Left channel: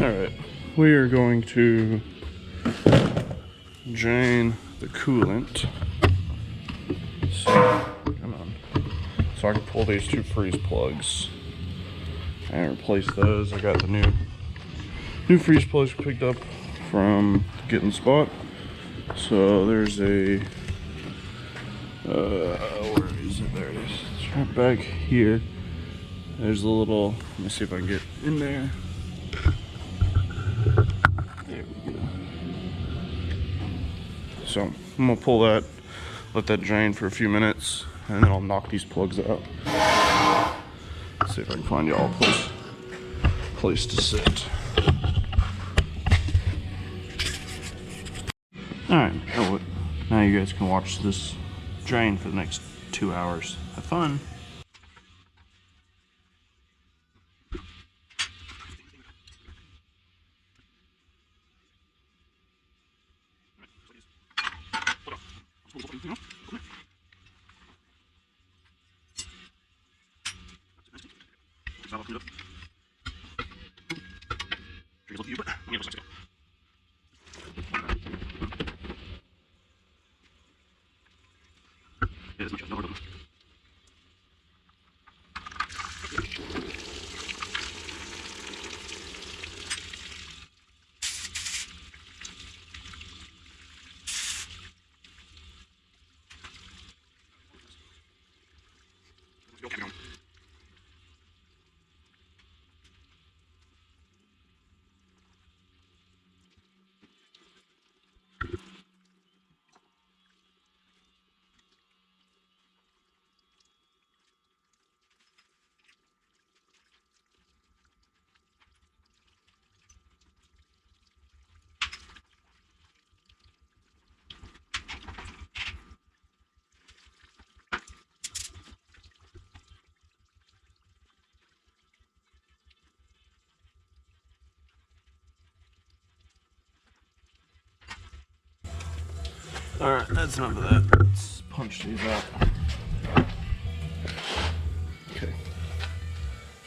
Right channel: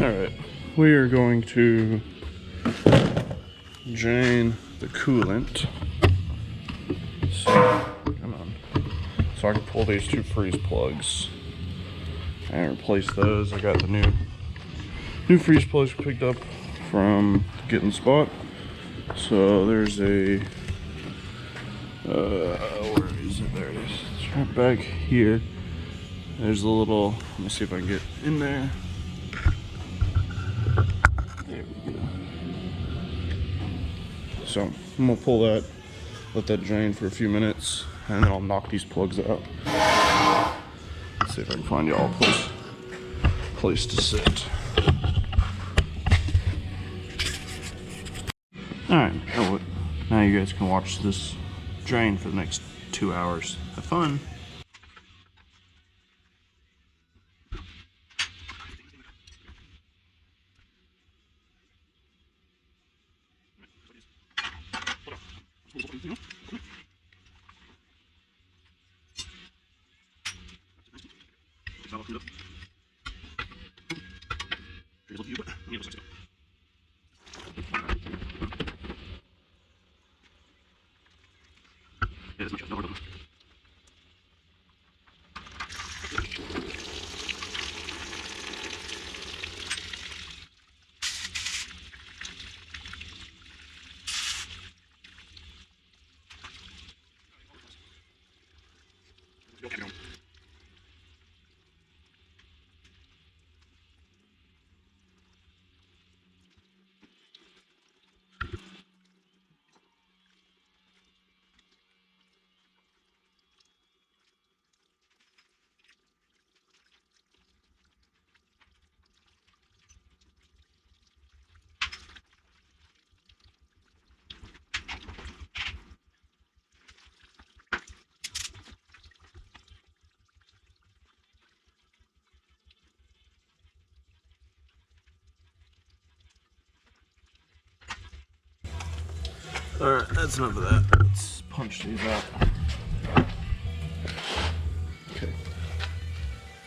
Alright, we are going to drain the coolant. So, come on. So I can pull these two freeze plugs and replace those. I got the new freeze plugs picked up from Getting Spot. So there's a where is it? There it is. It's right back here. There's a little, let me see if I can get in there. There we go. So I'm gonna pull that, let that drain for a few minutes, and then I'll knock these plugs out. Let's see if I can find y'all a place to sit. Alright, now you guys can watch this drain for the next 2 hours. Have fun. Alright, that's enough of that. Let's punch these out. Okay.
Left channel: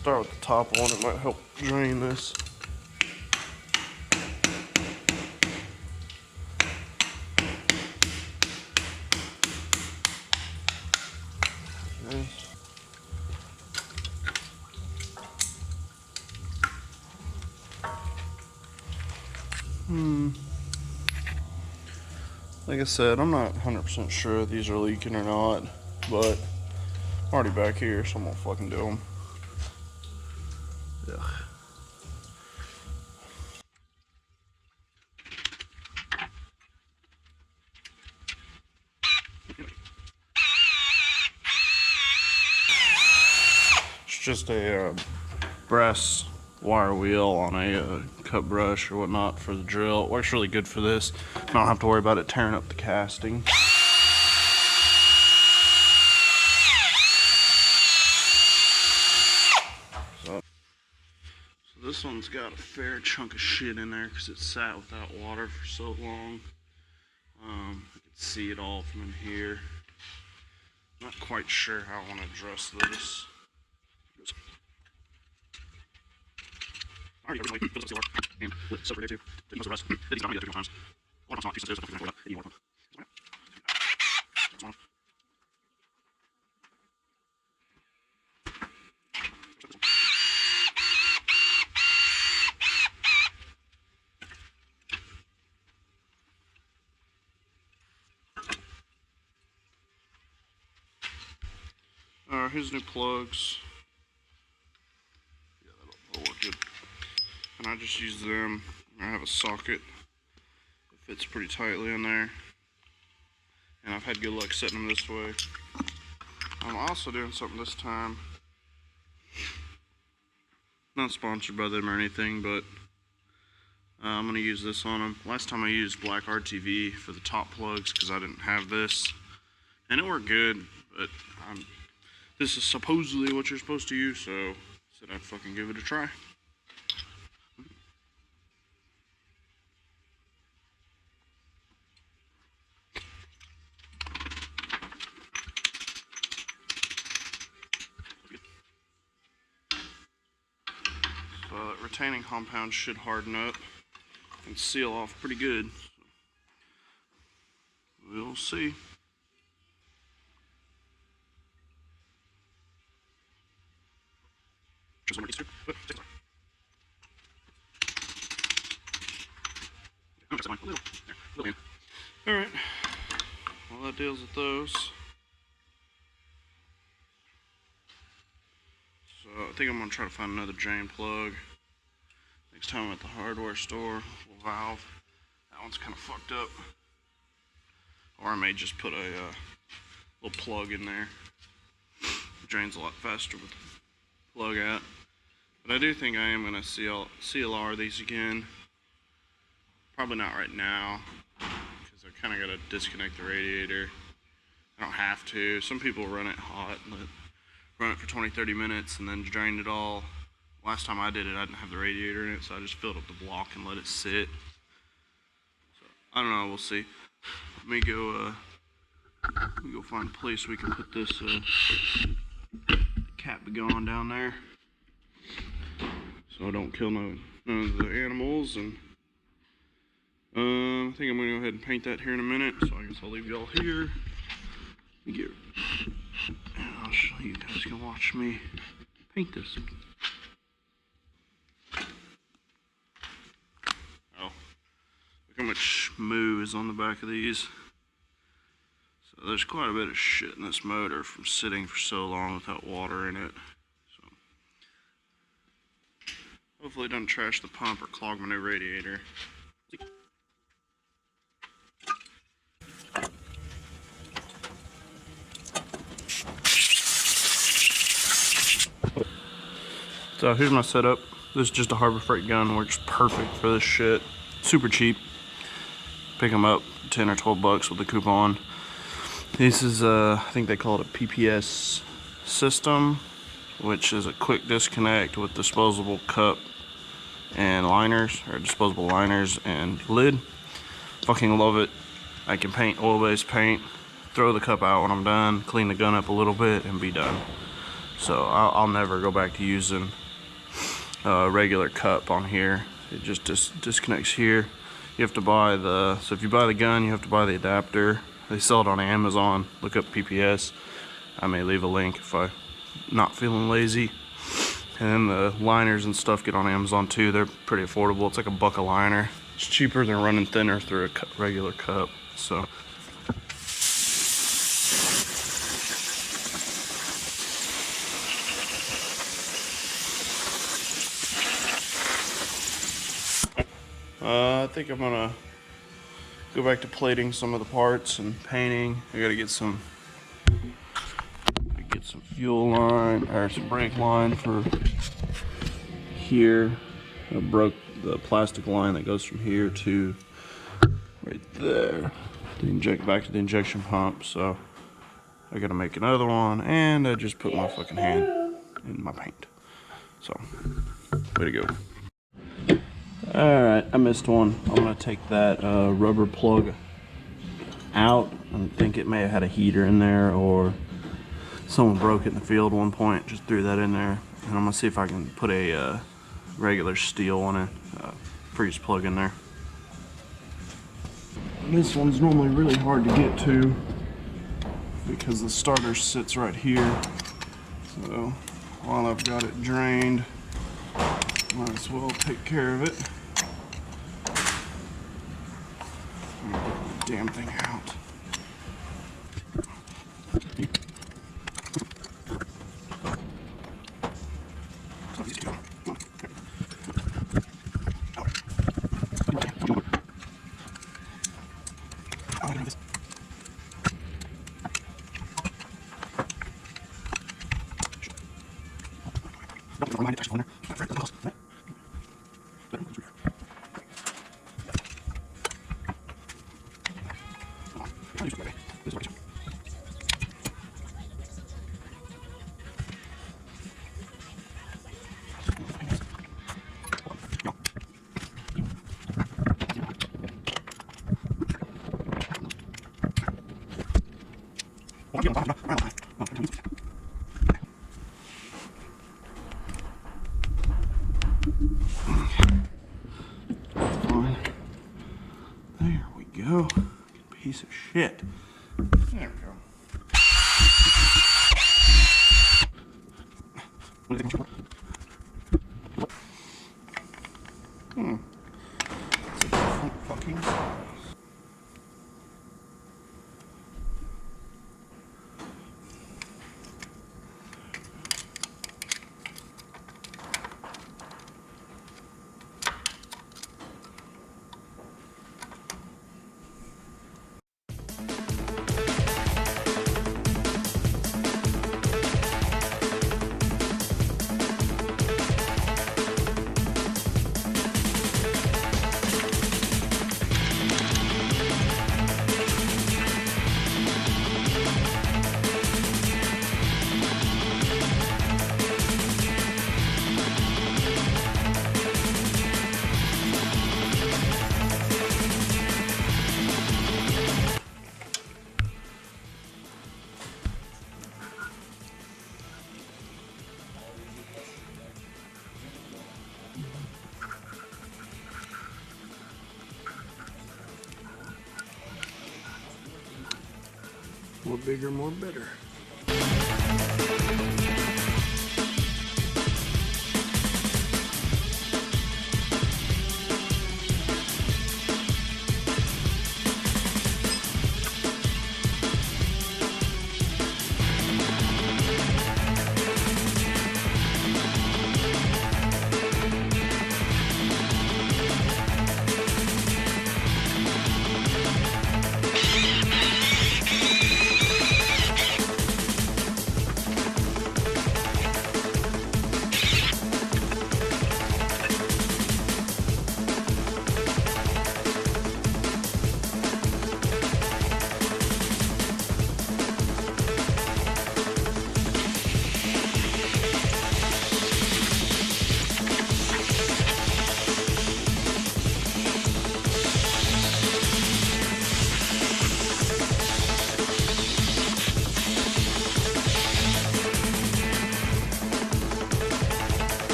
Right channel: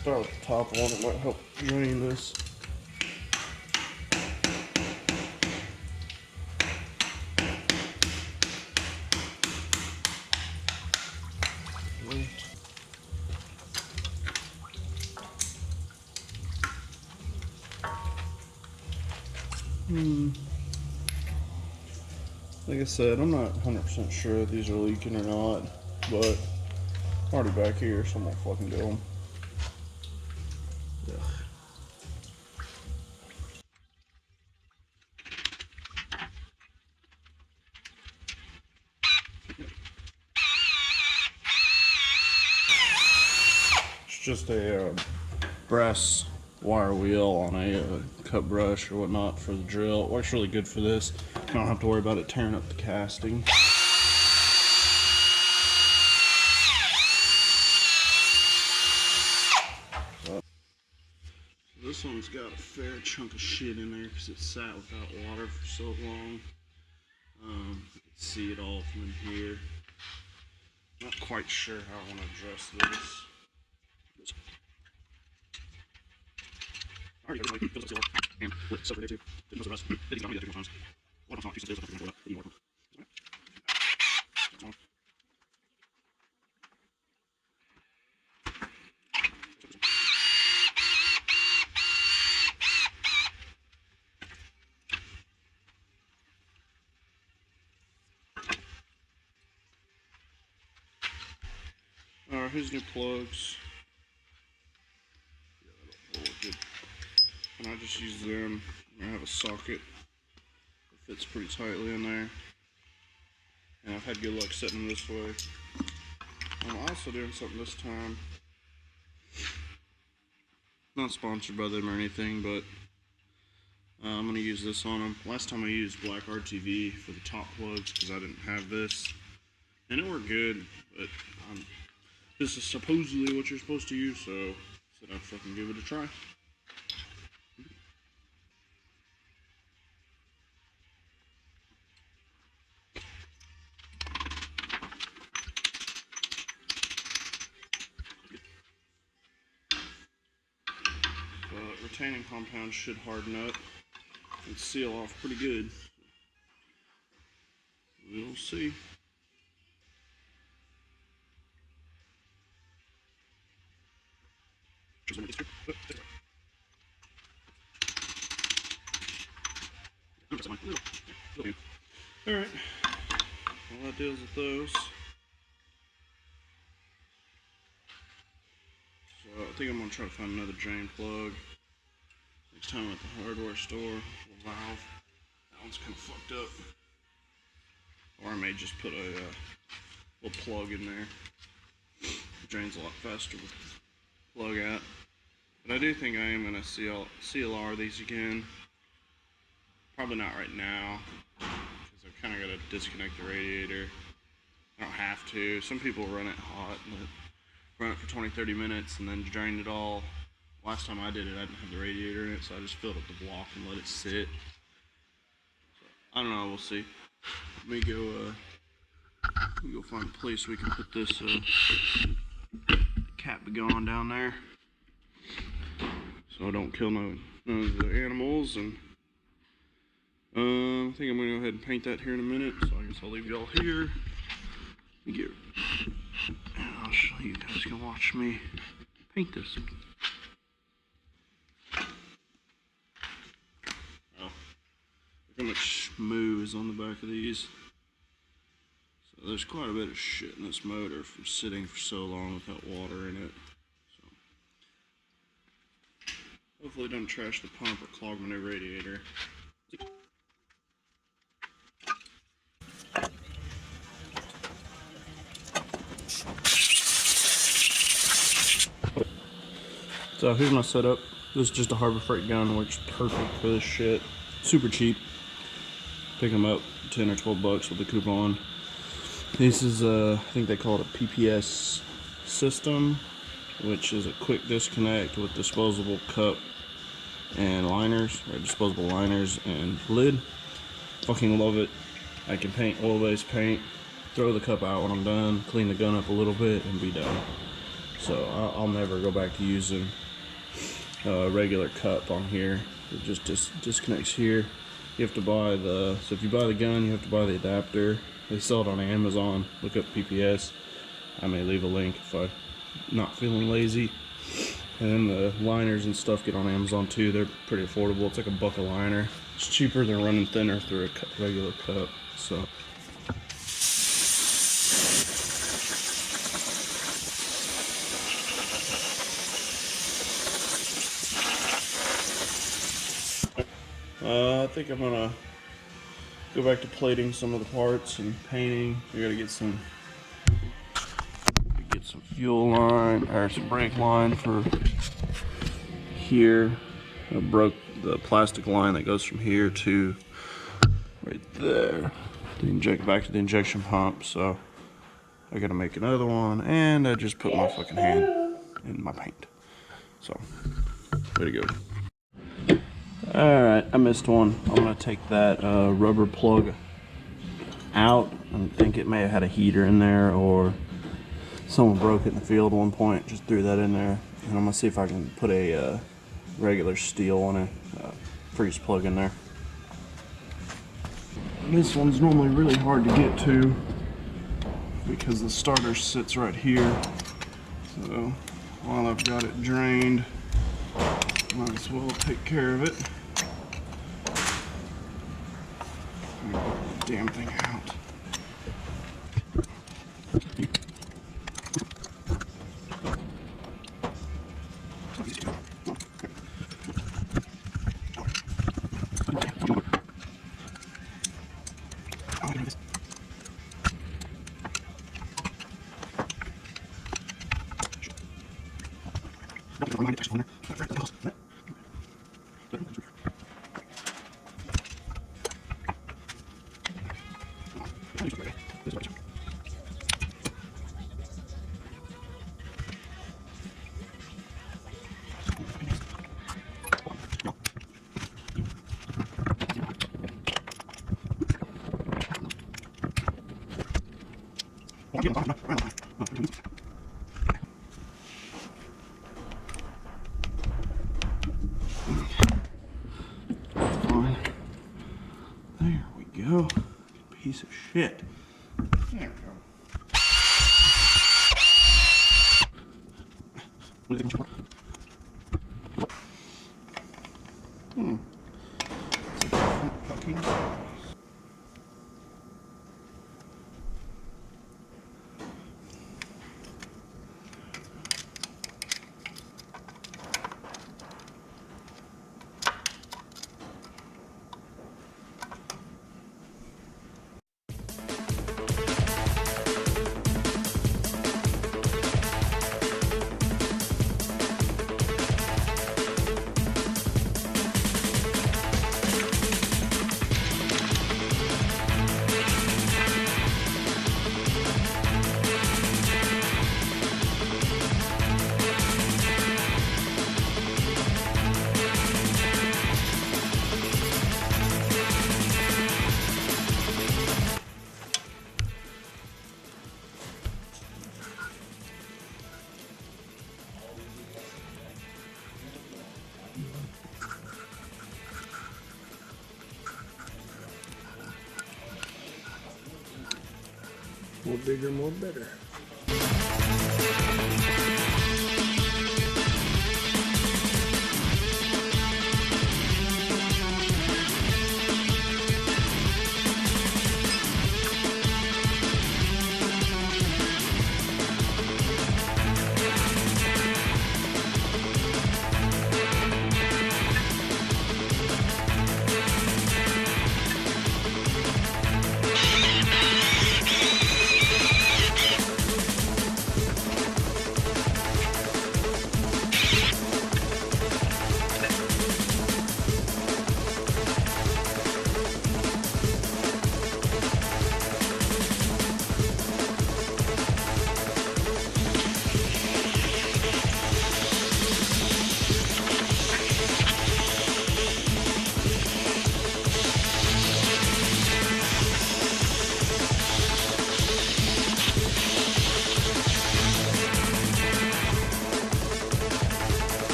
Start with the top one, it might help drain this. Like I said, I'm not 100% sure if these are leaking or not, but I'm already back here, so I'm gonna fucking do them. Ugh. It's just a brass wire wheel on a cut brush or whatnot for the drill. It works really good for this. I don't have to worry about it tearing up the casting. So this one's got a fair chunk of shit in there because it sat without water for so long. You can see it all from in here. Not quite sure how I want to address this. Alright, here's new plugs. Yeah, that'll work good. And I just use them. I have a socket that fits pretty tightly in there. And I've had good luck setting them this way. I'm also doing something this time. Not sponsored by them or anything, but I'm going to use this on them. Last time I used black RTV for the top plugs because I didn't have this. And it worked good, but this is supposedly what you're supposed to use, so I said I'd fucking give it a try. but retaining compound should harden up and seal off pretty good. We'll see. Alright, well that deals with those. So I think I'm going to try to find another drain plug. Next time I'm at the hardware store, little valve. That one's kind of fucked up. Or I may just put a little plug in there. It drains a lot faster with the plug out. But I do think I am going to CLR these again. Probably not right now, because I've kind of got to disconnect the radiator. I don't have to. Some people run it hot, run it for 20-30 minutes and then drain it all. Last time I did it, I didn't have the radiator in it, so I just filled up the block and let it sit. So, I don't know, we'll see. Let me go find a place we can put this cap going down there, so I don't kill none of the animals. And I think I'm gonna go ahead and paint that here in a minute. So I guess I'll leave y'all here. Let me get, and I'll show you guys can watch me paint this. Oh, look how much moo is on the back of these. So there's quite a bit of shit in this motor from sitting for so long without water in it. So hopefully it doesn't trash the pump or clog my new radiator. So here's my setup. This is just a Harbor Freight gun, works perfect for this shit. Super cheap. Pick them up 10 or 12 bucks with a coupon. This is I think they call it a PPS system, which is a quick disconnect with disposable cup and liners, or disposable liners and lid. Fucking love it. I can paint oil-based paint, throw the cup out when I'm done, clean the gun up a little bit, and be done. So I'll never go back to using a regular cup on here. It just disconnects here. You have to buy so if you buy the gun, you have to buy the adapter. They sell it on Amazon. Look up PPS. I may leave a link if I'm not feeling lazy. And then the liners and stuff get on Amazon too. They're pretty affordable. It's like $1 a liner. It's cheaper than running thinner through a regular cup. So. I think I'm gonna go back to plating some of the parts and painting. I gotta get some fuel line or some brake line for here. I broke the plastic line that goes from here to right there to inject back to the injection pump. So I gotta make another one, and I just put my fucking hand in my paint. So way to go. Alright, I missed one. I'm going to take that rubber plug out. I think it may have had a heater in there, or someone broke it in the field at one point, just threw that in there. And I'm going to see if I can put a regular steel on a freeze plug in there. And this one's normally really hard to get to because the starter sits right here. So while I've got it drained, might as well take care of it. Get the damn thing out. piece of shit. There we go. It's a different fucking size. More bigger, more better.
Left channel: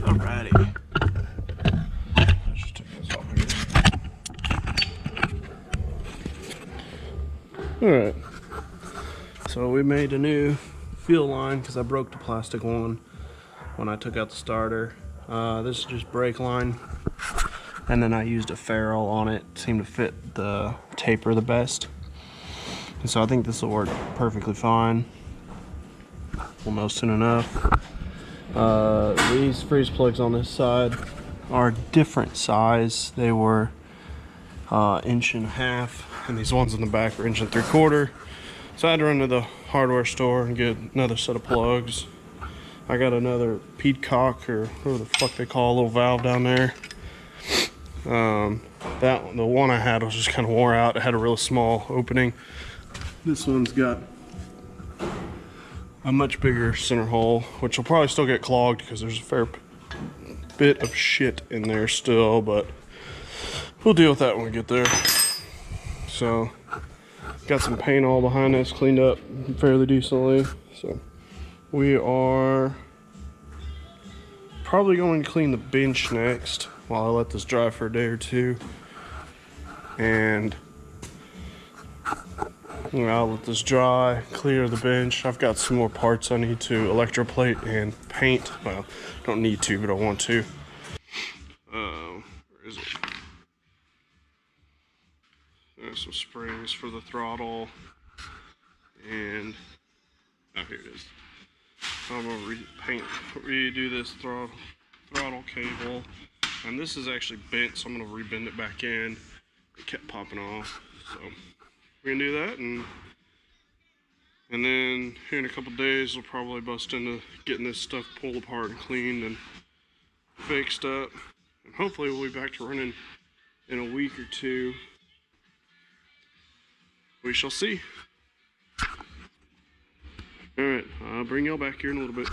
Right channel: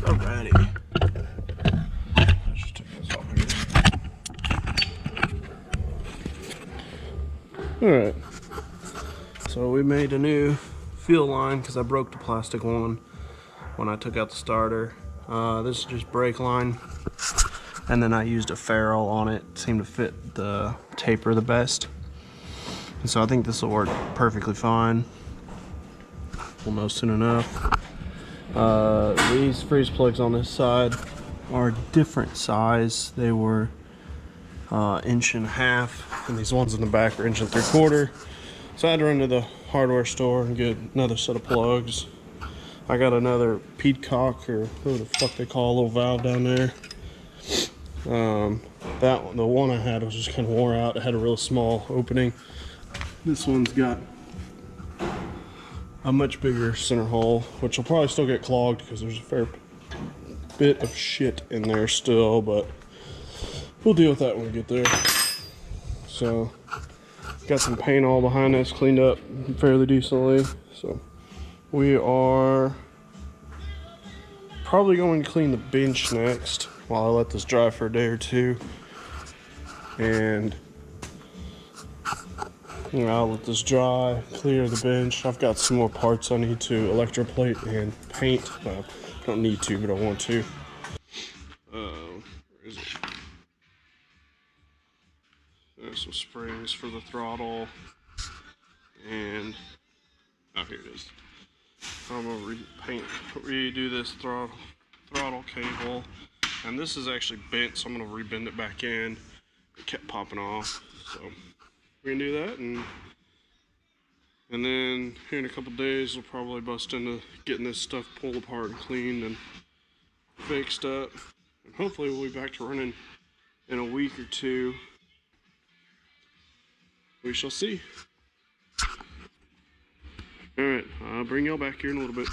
Alrighty. Let's just take this off here. Alright. So we made a new fuel line because I broke the plastic one when I took out the starter. This is just brake line. And then I used a ferrule on it. It seemed to fit the taper the best. And so I think this will work perfectly fine. We'll know soon enough. These freeze plugs on this side are different size. They were 1.5 inches, and these ones in the back are 1.75 inches. So I had to run to the hardware store and get another set of plugs. I got another Peacock, or who the fuck they call a little valve down there. That one, the one I had was just kind of wore out. It had a real small opening. This one's got a much bigger center hole, which will probably still get clogged because there's a fair bit of shit in there still, but we'll deal with that when we get there. So got some paint all behind us, cleaned up fairly decently. So we are probably going to clean the bench next while I let this dry for a day or two. And I'll let this dry, clear the bench. I've got some more parts I need to electroplate and paint. Well, I don't need to, but I want to. Where is it? some springs for the throttle, and oh, here it is. I'm gonna redo this throttle cable, and this is actually bent, so I'm gonna rebend it back in. It kept popping off, so we're gonna do that, and then here in a couple days we'll probably bust into getting this stuff pulled apart and cleaned and fixed up, and hopefully we'll be back to running in a week or two. We shall see. Alright, I'll bring y'all back here in a little bit.